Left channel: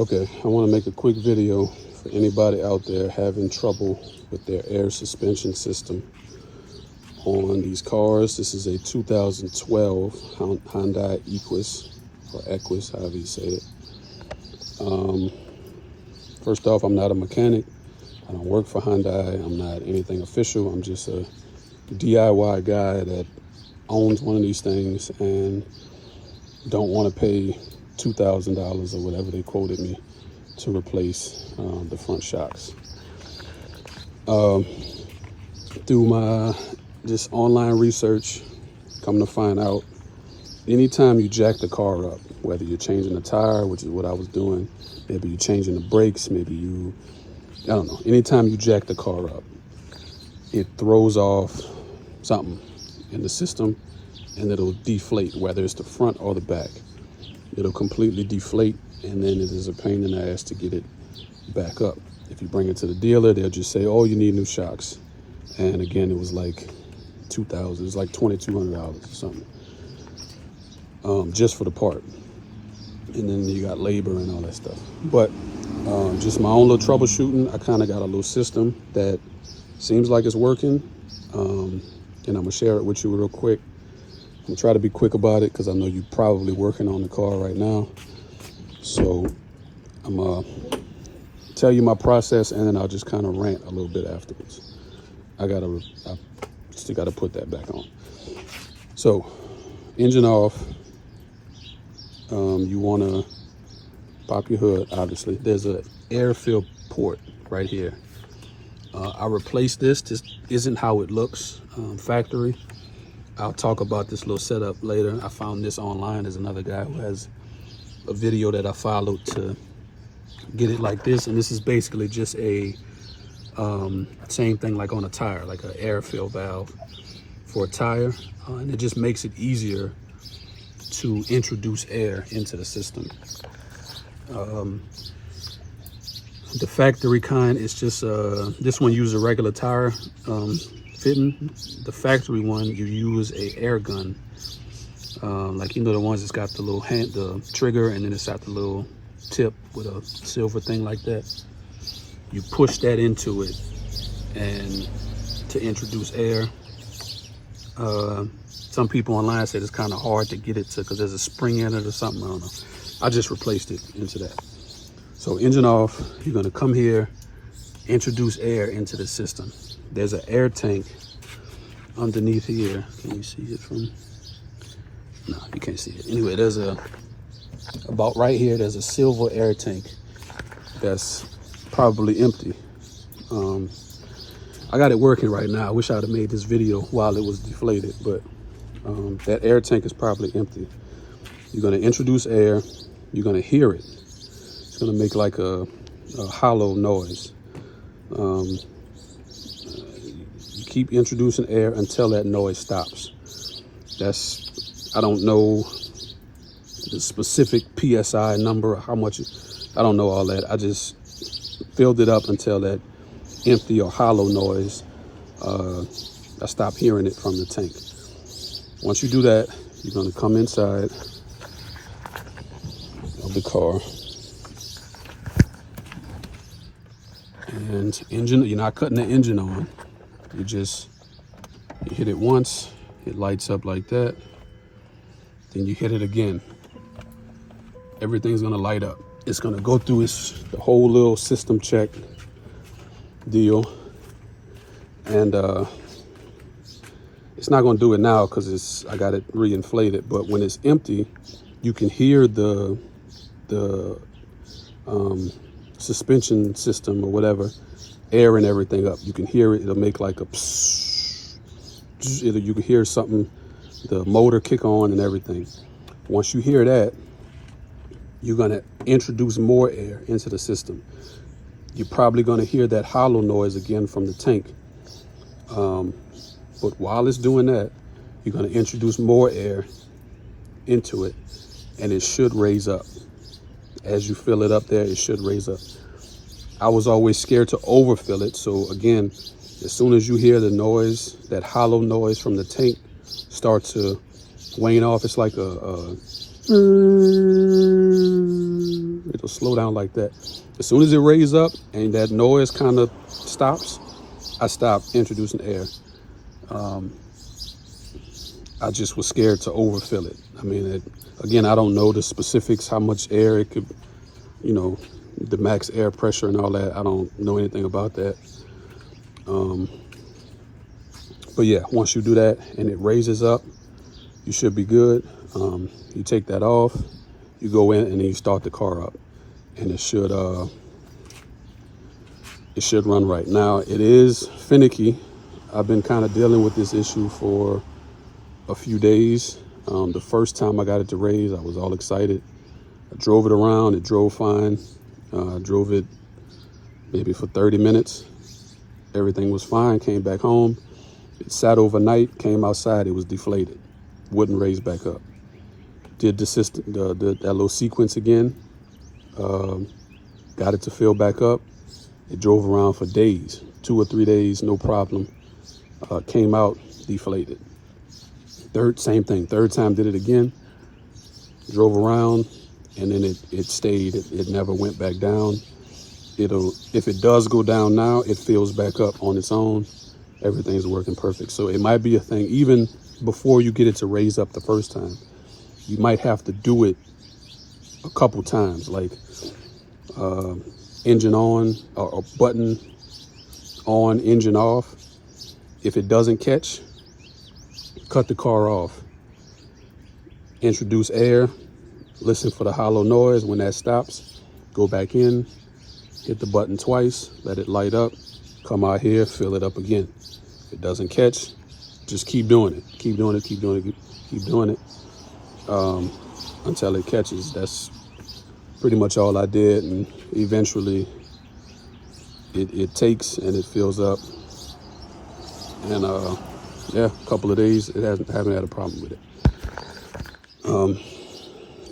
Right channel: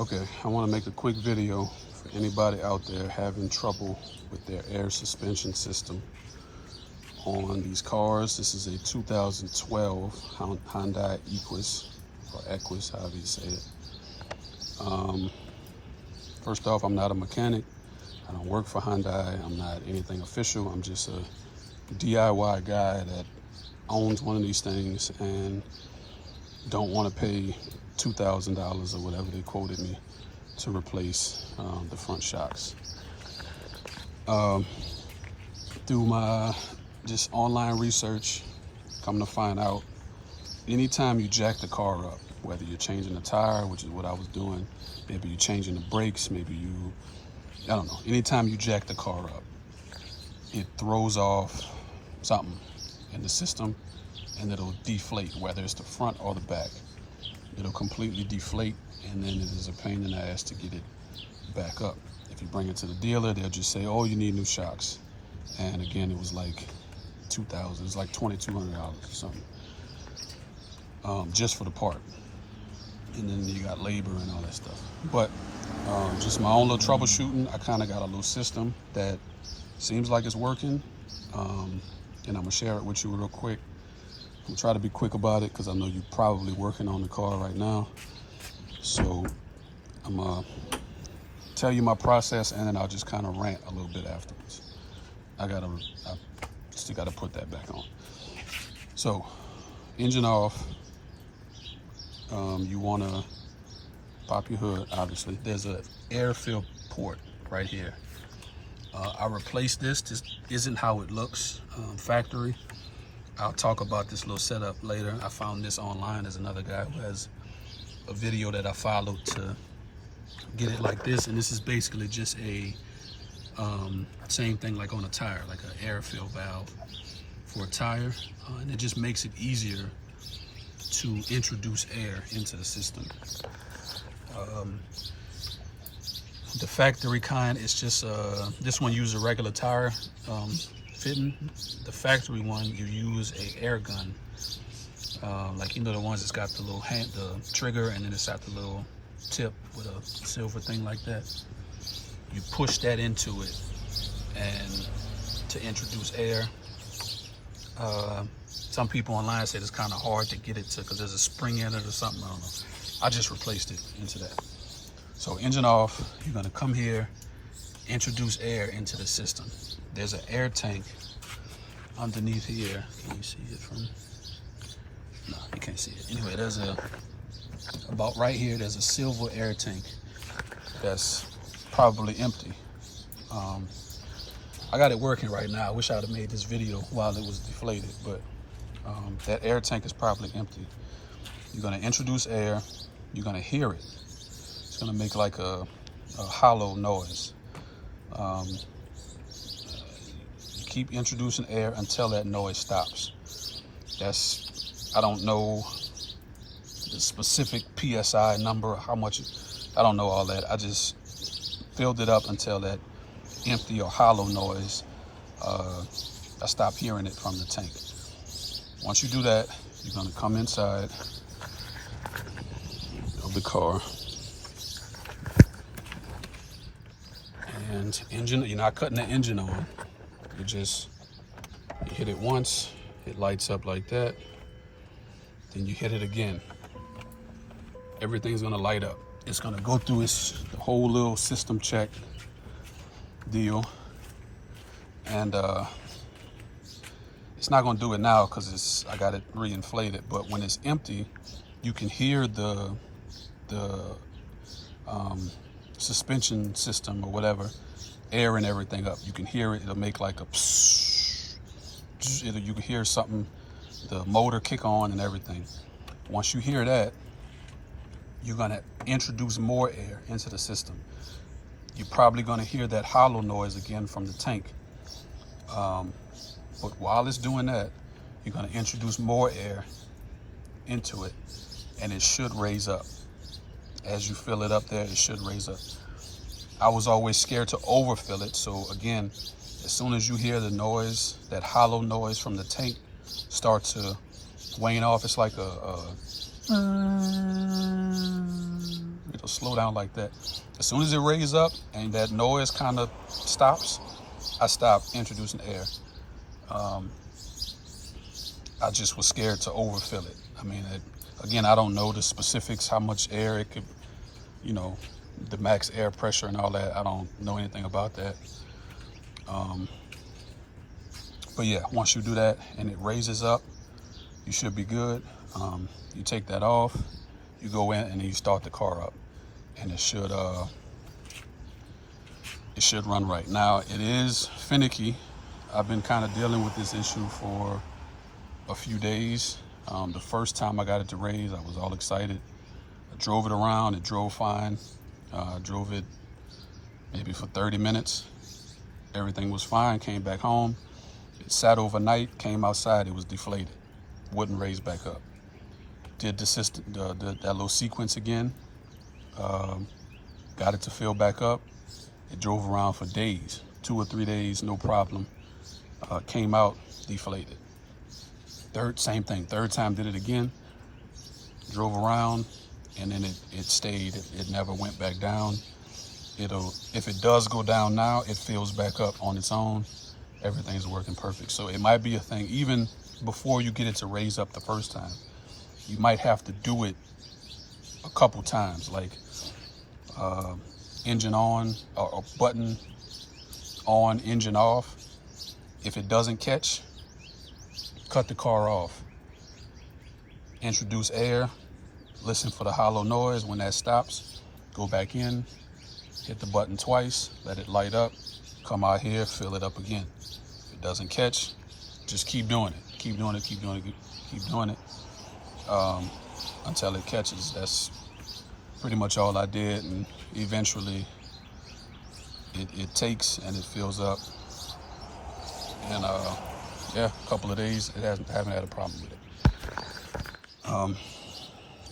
Okay, I want to make a quick video for anybody out there having trouble with their air suspension system on these cars. This is a 2012 Hyundai equus, or equus, however you say it. First off, I'm not a mechanic. I don't work for Hyundai. I'm not anything official. I'm just a DIY guy that owns one of these things and don't want to pay $2,000 or whatever they quoted me to replace the front shocks. Through my just online research, come to find out, anytime you jack the car up, whether you're changing a tire, which is what I was doing, maybe you're changing the brakes, maybe I don't know, anytime you jack the car up, it throws off something in the system and it'll deflate, whether it's the front or the back. It'll completely deflate, and then it is a pain in the ass to get it back up. If you bring it to the dealer, they'll just say, oh, you need new shocks. And again, it was like $2,000, it's like $2,200 or something, just for the part. And then you got labor and all that stuff. But just my own little troubleshooting, I kind of got a little system that seems like it's working. And I'm gonna share it with you real quick. I'm gonna try to be quick about it because I know you're probably working on the car right now. So I'm gonna tell you my process, and then I'll just kind of rant a little bit afterwards. I still gotta put that back on. So engine off. You wanna pop your hood, obviously. There's an air fill port right here. I replaced this. This isn't how it looks factory. I'll talk about this little setup later. I found this online. There's another guy who has a video that I followed to get it like this. And this is basically just a same thing like on a tire, like an air fill valve for a tire. And it just makes it easier to introduce air into the system. The factory kind is just, this one uses a regular tire fitting. The factory one, you use a air gun. Like, you know, the ones that's got the little the trigger, and then it's got the little tip with a silver thing like that. You push that into it and to introduce air. Some people online said it's kind of hard to get it to, because there's a spring in it or something, I don't know. I just replaced it into that. So engine off, you're gonna come here, introduce air into the system. There's an air tank underneath here. Can you see it from? No, you can't see it. Anyway, there's about right here, there's a silver air tank that's probably empty. I got it working right now. I wish I'd have made this video while it was deflated, but that air tank is probably empty. You're gonna introduce air, you're gonna hear it. It's gonna make like a hollow noise. You keep introducing air until that noise stops. I don't know the specific PSI number, how much, I don't know all that. I just filled it up until that empty or hollow noise, I stopped hearing it from the tank. Once you do that, you're gonna come inside of the car. And you're not cutting the engine on. You hit it once, it lights up like that. Then you hit it again. Everything's gonna light up. It's gonna go through the whole little system check deal. And it's not gonna do it now because I got it re-inflated, but when it's empty, you can hear the suspension system or whatever, air and everything up. You can hear it. It'll make like a psst. You can hear something, the motor kick on and everything. Once you hear that, you're gonna introduce more air into the system. You're probably gonna hear that hollow noise again from the tank. But while it's doing that, you're gonna introduce more air into it, and it should raise up. As you fill it up there, it should raise up. I was always scared to overfill it, so again, as soon as you hear the noise, that hollow noise from the tank start to wane off, it's like It'll slow down like that. As soon as it raises up and that noise kind of stops, I stop introducing air. I just was scared to overfill it. I mean, again, I don't know the specifics, how much air it could, you know, the max air pressure and all that. I don't know anything about that. But yeah, once you do that and it raises up, you should be good. You take that off, you go in and then you start the car up, and it should run right. Now, it is finicky. I've been kind of dealing with this issue for a few days. The first time I got it to raise, I was all excited. I drove it around, it drove fine. Drove it maybe for 30 minutes. Everything was fine, came back home. It sat overnight, came outside, it was deflated. Wouldn't raise back up. Did that little sequence again. Got it to fill back up. It drove around for days, 2 or 3 days, no problem. Came out, deflated. Same thing, third time did it again. Drove around, and then it stayed. It never went back down. If it does go down now, it fills back up on its own. Everything's working perfect. So it might be a thing, even before you get it to raise up the first time, you might have to do it a couple times, like engine on, or button on, engine off. If it doesn't catch, cut the car off. Introduce air, listen for the hollow noise. When that stops, go back in, hit the button twice, let it light up, come out here, fill it up again. If it doesn't catch, just keep doing it. Keep doing it, keep doing it, keep doing it until it catches. That's pretty much all I did, and eventually it takes and it fills up. And yeah, a couple of days, haven't had a problem with it.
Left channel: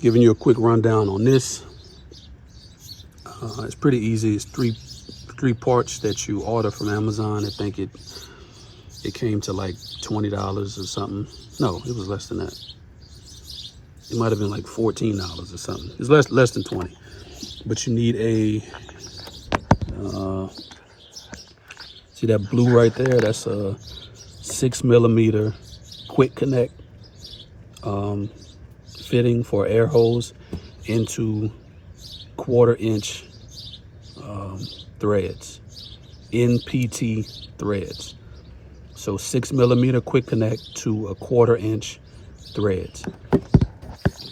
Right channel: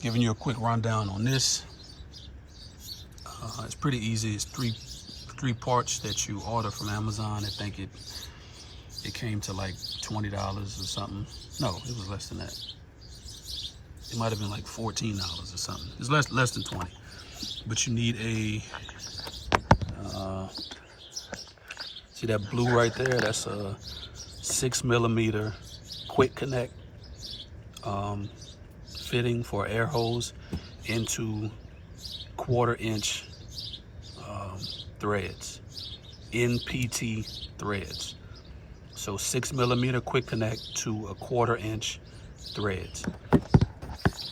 Giving you a quick rundown on this. It's pretty easy. It's three parts that you order from Amazon. I think it came to like $20 or something. No, it was less than that. It might have been like $14 or something. It's less than 20. But you need a see that blue right there? That's a 6mm quick connect fitting for air hose into 1/4 inch threads, NPT threads. So 6mm quick connect to a 1/4 inch threads.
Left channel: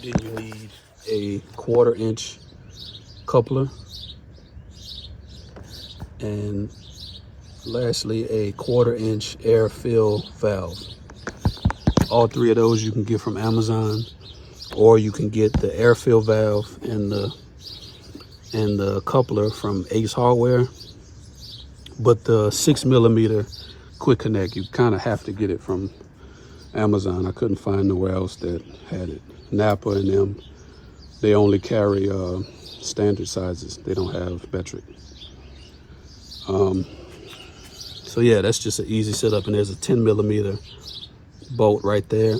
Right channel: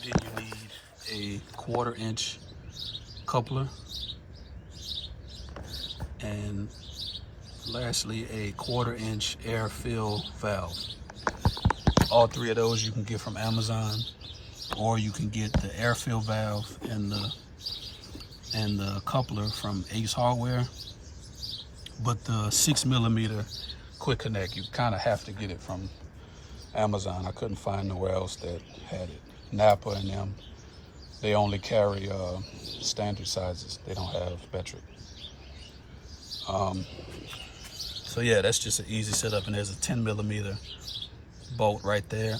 Then you need a 1/4 inch coupler, and lastly a 1/4 inch air fill valve. All three of those you can get from Amazon, or you can get the air fill valve and the coupler from Ace Hardware. But the 6mm quick connect, you kind of have to get it from Amazon. I couldn't find nowhere else that had it. Napa and them, they only carry standard sizes. They don't have metric. So yeah, that's just an easy setup. And there's a 10mm bolt right there,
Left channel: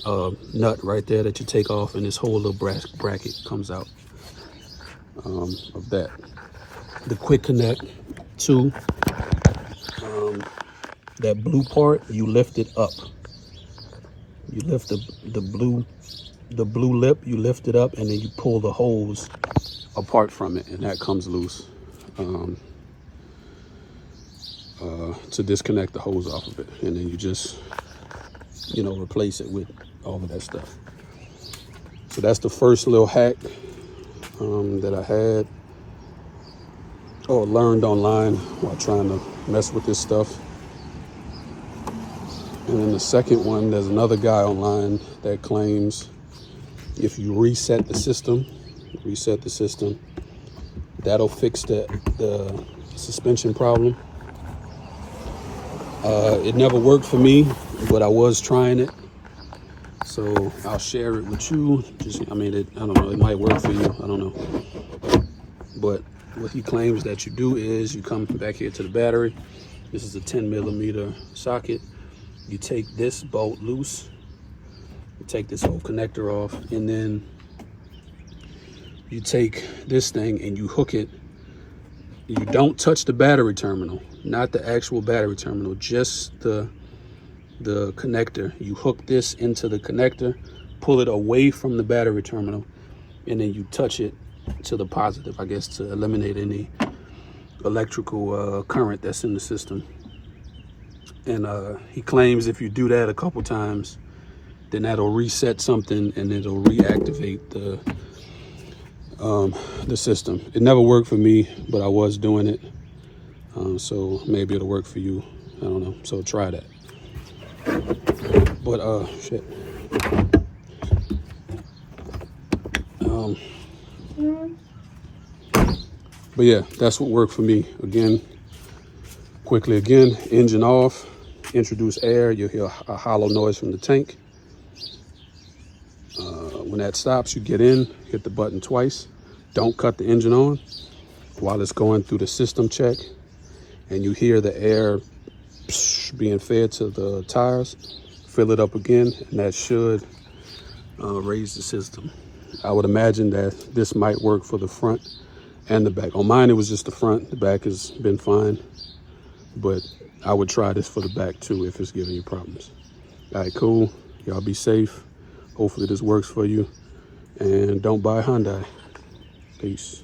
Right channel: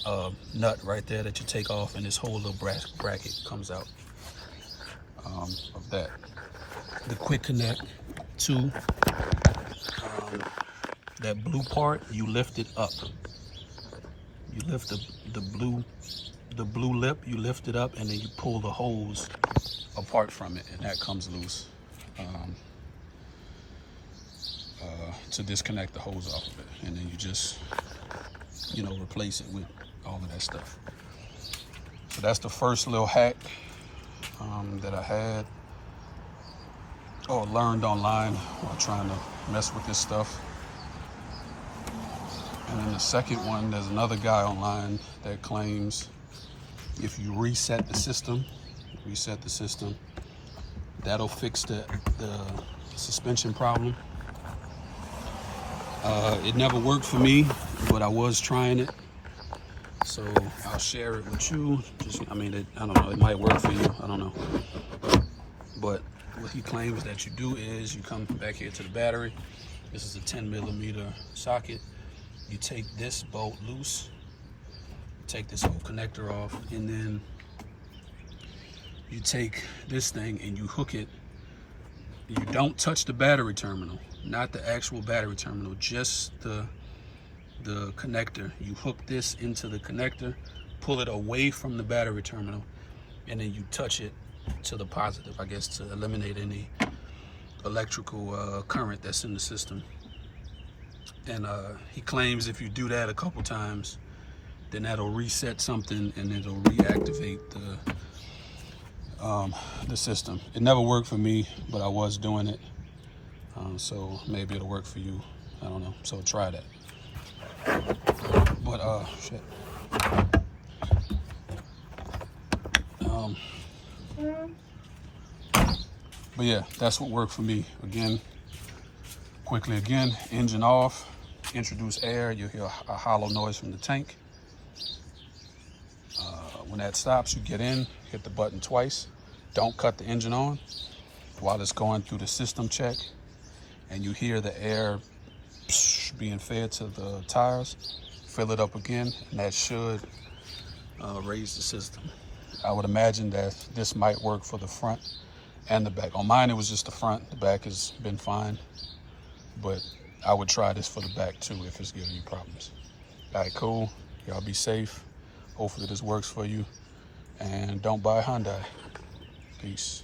nut right there that you take off, and this whole little bracket comes out of that. The quick connect too, that blue part, you lift it up. You lift the blue lip, you lift it up, and then you pull the hose apart from it, and that comes loose to disconnect the hose off of it. And then you just, replace it with all of that stuff. So that's the first little hack that I had or learned online while trying to mess with this stuff. And then the second one, there's another guy online that claims if you reset the system, that'll fix the suspension problem. It never worked for me, but I was trying it, so I'll share it with you. I don't know, it might work for you, I don't know. But what he claims that you do is you come back here to the battery. This is a 10mm socket. You take this bolt loose, you take this whole connector off, and then you take this thing and you hook it. You don't touch the battery terminal, not the actual battery terminal, just the connector. You hook this into the connector, pull it away from the battery terminal, and then you touch it to the positive, I guess, to eliminate any electrical current that's in the system. And he claims if you do that a couple times, then that'll reset something and it'll reactivate the system. It never worked for me, but I was doing it. So maybe it'll work for you. I don't know. So try that. But shit. But yeah, that's what worked for me. Again, quickly again, engine off, introduce air, you'll hear a hollow noise from the tank. When that stops, you get in, hit the button twice. Don't cut the engine on while it's going through the system check, and you hear the air being fed to the tires. Fill it up again, and that should raise the system. I would imagine that this might work for the front and the back. On mine, it was just the front. The back has been fine, but I would try this for the back too if it's giving you problems. All right, cool. Y'all be safe. Hopefully this works for you, and don't buy Hyundai. Peace.